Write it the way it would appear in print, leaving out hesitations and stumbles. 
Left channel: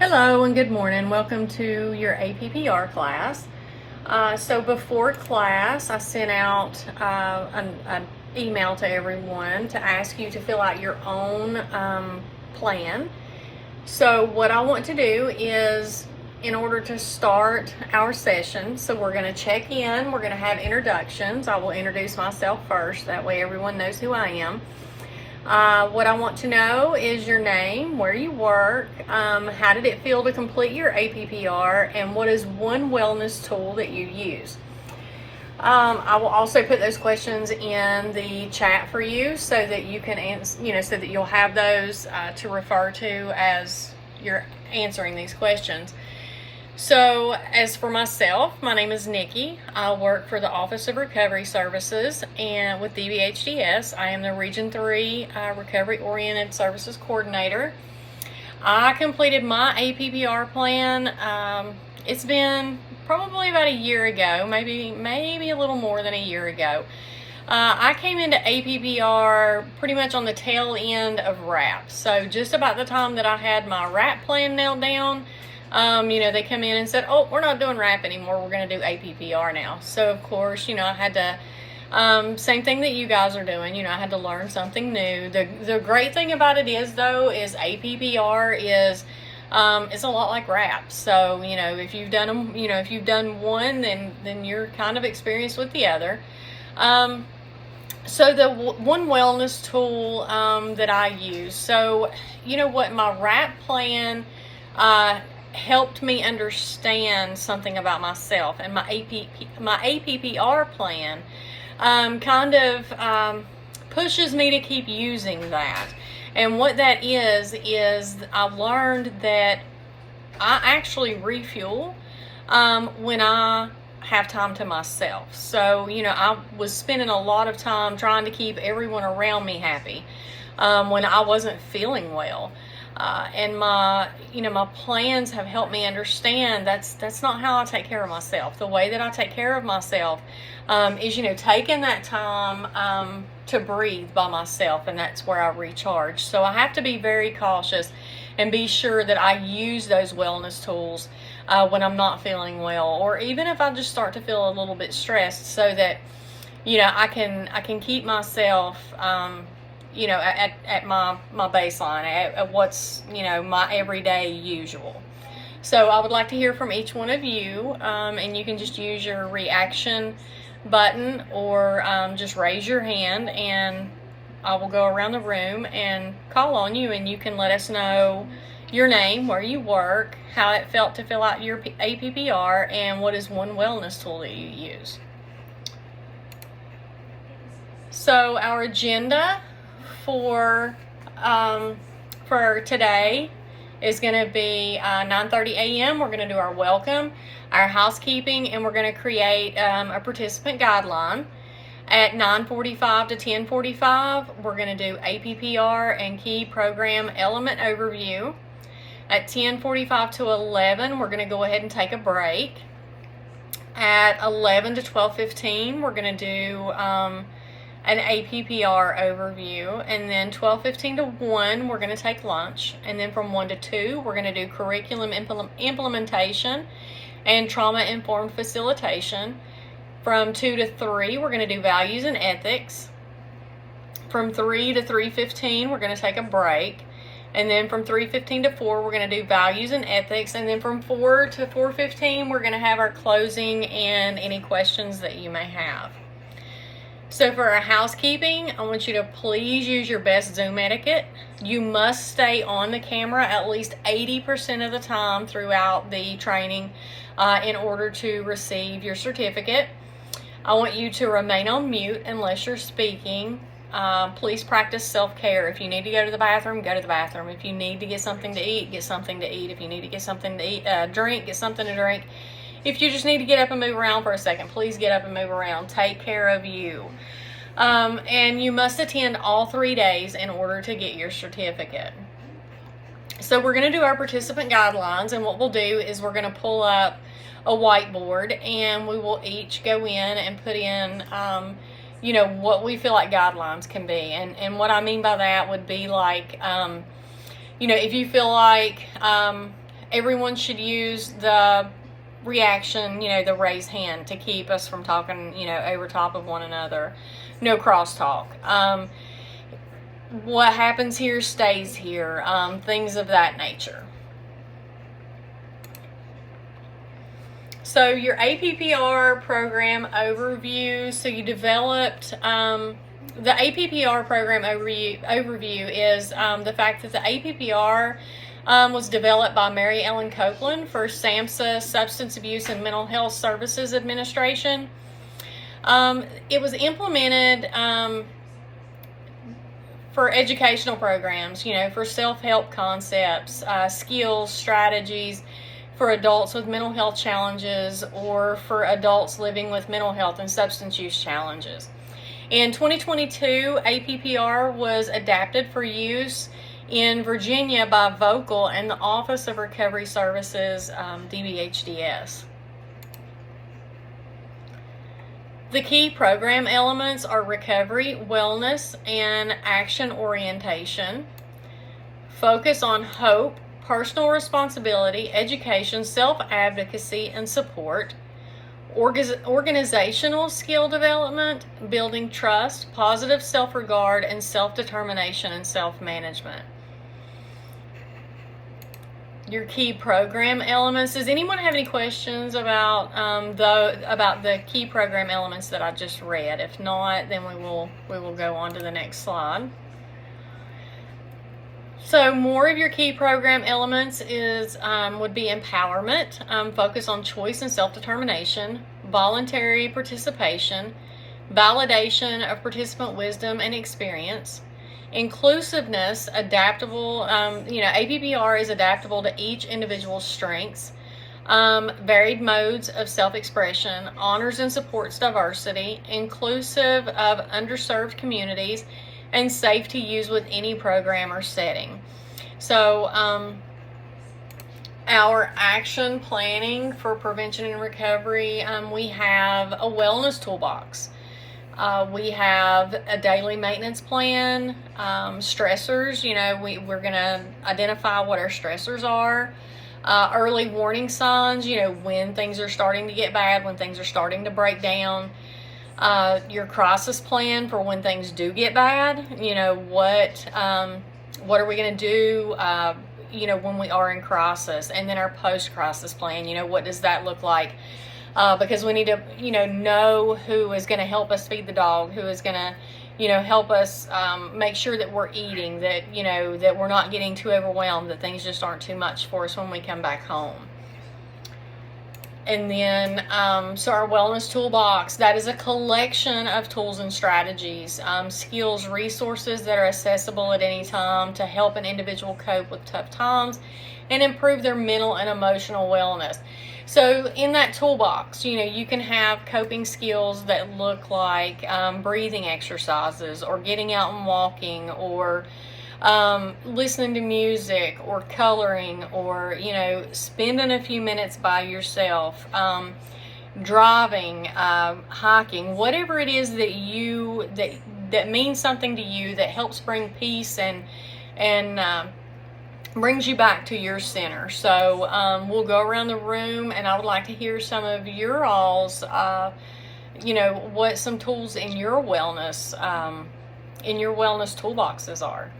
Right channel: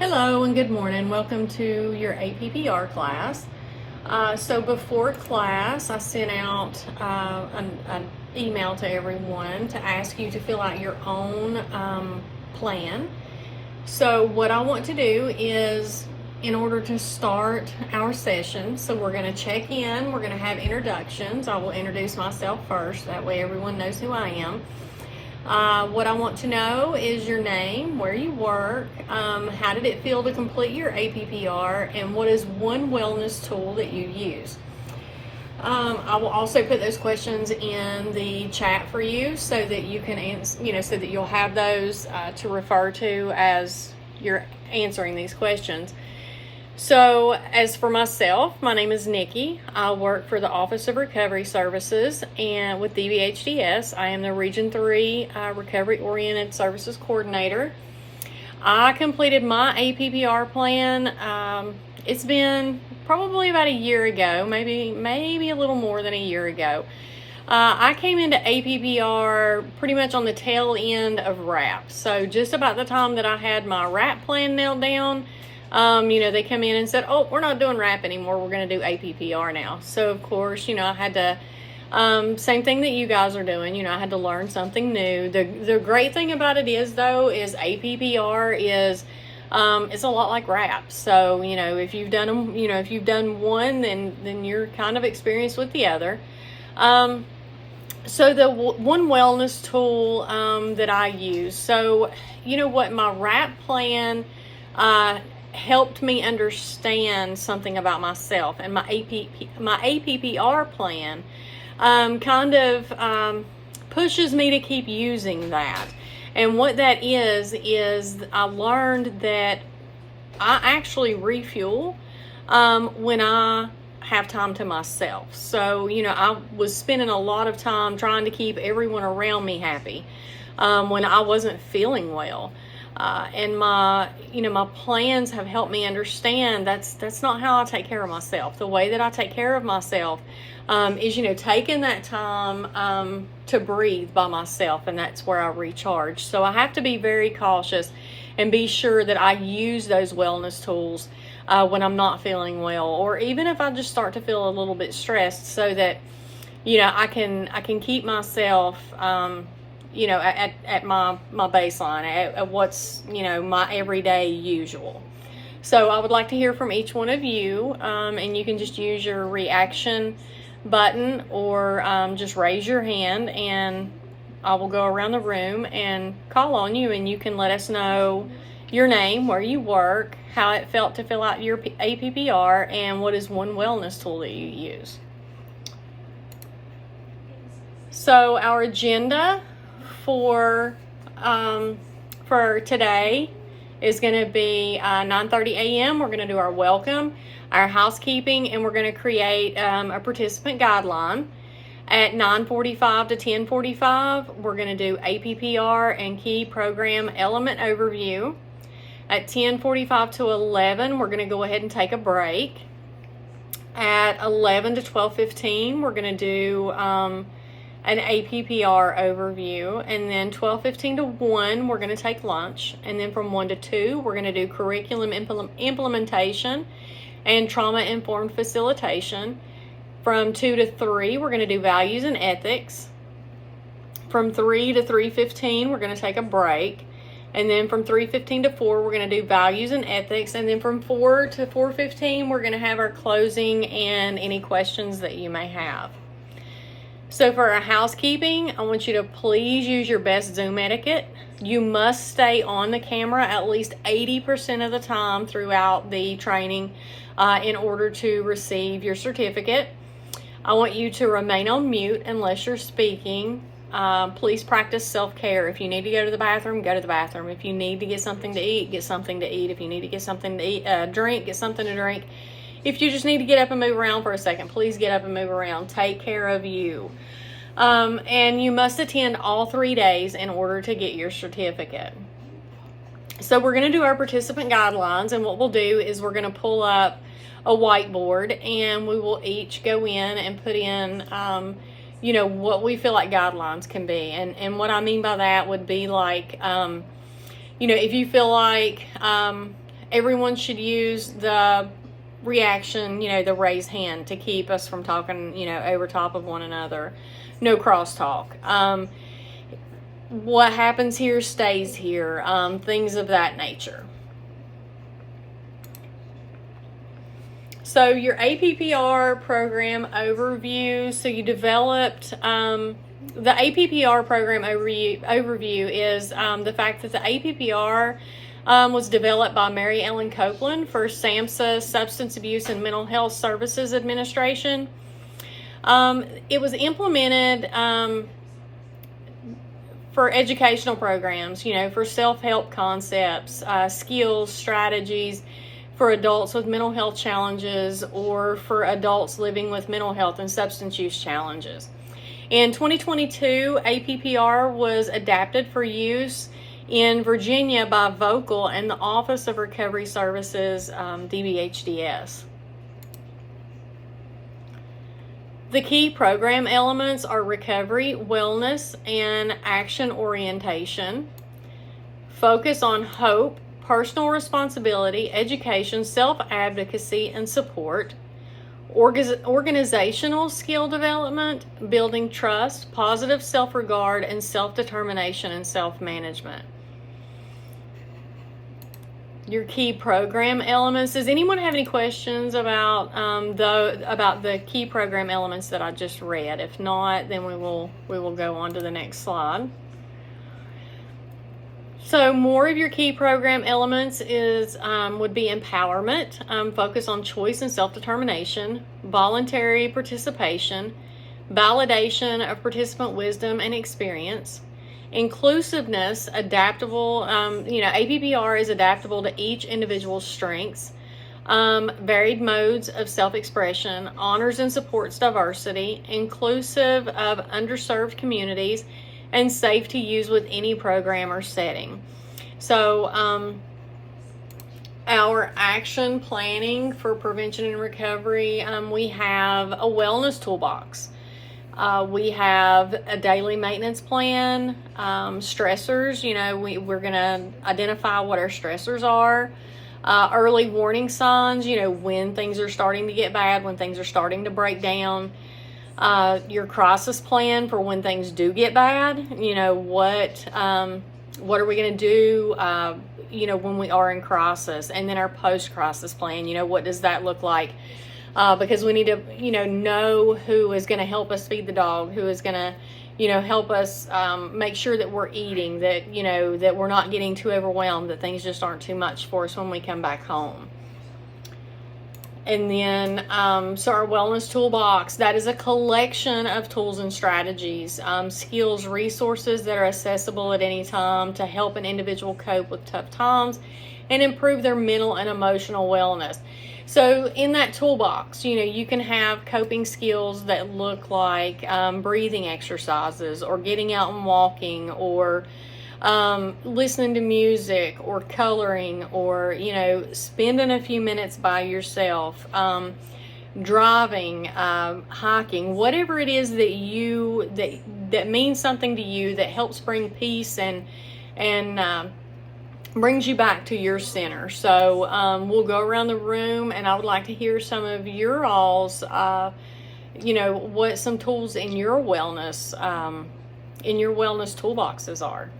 Hello and good morning. Welcome to your APPR class. So before class, I sent out an email to everyone to ask you to fill out your own plan. So what I want to do is, in order to start our session, so we're going to check in, we're going to have introductions. I will introduce myself first, that way everyone knows who I am. What I want to know is your name, where you work, how did it feel to complete your APPR, and what is one wellness tool that you use. I will also put those questions in the chat for you so that you can answer, so that you'll have those to refer to as you're answering these questions. So as for myself, my name is Nikki. I work for the Office of Recovery Services and with DBHDS. I am the Region 3 Recovery Oriented Services Coordinator. I completed my APPR plan. It's been probably about a year ago, maybe a little more than a year ago. I came into APPR pretty much on the tail end of RAP. So just about the time that I had my RAP plan nailed down, they come in and said, oh, we're not doing RAP anymore. We're going to do APPR now. So, of course, I had to, same thing that you guys are doing. I had to learn something new. The great thing about it is, though, is APPR is, it's a lot like RAP. So, if you've done them, if you've done one, then you're kind of experienced with the other. So the one wellness tool, that I use. So, what my RAP plan, helped me understand something about myself, and my APPR plan kind of pushes me to keep using that. And what that is I learned that I actually refuel when I have time to myself. So I was spending a lot of time trying to keep everyone around me happy when I wasn't feeling well. And my plans have helped me understand that's not how I take care of myself. The way that I take care of myself is, taking that time to breathe by myself, and that's where I recharge. So I have to be very cautious and be sure that I use those wellness tools when I'm not feeling well, or even if I just start to feel a little bit stressed, so that I can keep myself at my baseline, at what's, my everyday usual. So I would like to hear from each one of you, and you can just use your reaction button or just raise your hand, and I will go around the room and call on you, and you can let us know your name, where you work, how it felt to fill out your APPR, and what is one wellness tool that you use. So our agenda for today is going to be 9:30 a.m. We're going to do our welcome, our housekeeping, and we're going to create a participant guideline. At 9:45 to 10:45, we're going to do APPR and key program element overview. At 10:45 to 11, we're going to go ahead and take a break. At 11 to 12:15, we're going to do an APPR overview, and then 12:15 to 1 we're going to take lunch, and then from 1 to 2 we're going to do curriculum implementation and trauma-informed facilitation. From 2 to 3 we're going to do values and ethics. From 3 to 3:15 we're going to take a break, and then from 3:15 to 4 we're going to do values and ethics, and then from 4 to 4:15 we're going to have our closing and any questions that you may have. So for our housekeeping, I want you to please use your best Zoom etiquette. You must stay on the camera at least 80% of the time throughout the training in order to receive your certificate. I want you to remain on mute unless you're speaking. Please practice self-care. If you need to go to the bathroom, go to the bathroom. If you need to get something to eat, get something to eat. If you need to get something to eat, drink, get something to drink. If you just need to get up and move around for a second, please get up and move around. Take care of you. And you must attend all 3 days in order to get your certificate. So we're going to do our participant guidelines, and what we'll do is we're going to pull up a whiteboard, and we will each go in and put in, what we feel like guidelines can be. And what I mean by that would be like, if you feel like everyone should use the reaction, the raise hand to keep us from talking, over top of one another. No crosstalk. What happens here stays here. Things of that nature. So your APPR program overview. So you developed, the APPR program overview is the fact that the APPR was developed by Mary Ellen Copeland for SAMHSA, Substance Abuse and Mental Health Services Administration. It was implemented for educational programs, for self-help concepts, skills, strategies for adults with mental health challenges or for adults living with mental health and substance use challenges. In 2022, APPR was adapted for use in Virginia by Vocal and the Office of Recovery Services, DBHDS. The key program elements are recovery, wellness, and action orientation. Focus on hope, personal responsibility, education, self-advocacy, and support. Organizational skill development, building trust, positive self-regard, and self-determination and self-management. Your key program elements. Does anyone have any questions about the key program elements that I just read? If not, then we will go on to the next slide. So more of your key program elements would be empowerment, focus on choice and self-determination, voluntary participation, validation of participant wisdom and experience, inclusiveness, adaptable, APPR is adaptable to each individual's strengths, varied modes of self-expression, honors and supports diversity, inclusive of underserved communities, and safe to use with any program or setting. So our action planning for prevention and recovery, we have a wellness toolbox. We have a daily maintenance plan, stressors, we're going to identify what our stressors are, early warning signs, when things are starting to get bad, when things are starting to break down, your crisis plan for when things do get bad, what are we going to do, when we are in crisis, and then our post-crisis plan, what does that look like? Because we need to, know who is going to help us feed the dog, who is going to, help us make sure that we're eating, that, that we're not getting too overwhelmed, that things just aren't too much for us when we come back home. And then, so our wellness toolbox, that is a collection of tools and strategies, skills, resources that are accessible at any time to help an individual cope with tough times and improve their mental and emotional wellness. So in that toolbox, you can have coping skills that look like breathing exercises or getting out and walking or listening to music or coloring or, spending a few minutes by yourself, driving, hiking, whatever it is that that means something to you, that helps bring peace and brings you back to your center. So we'll go around the room, and I would like to hear some of your all's, what some tools in your wellness toolboxes are.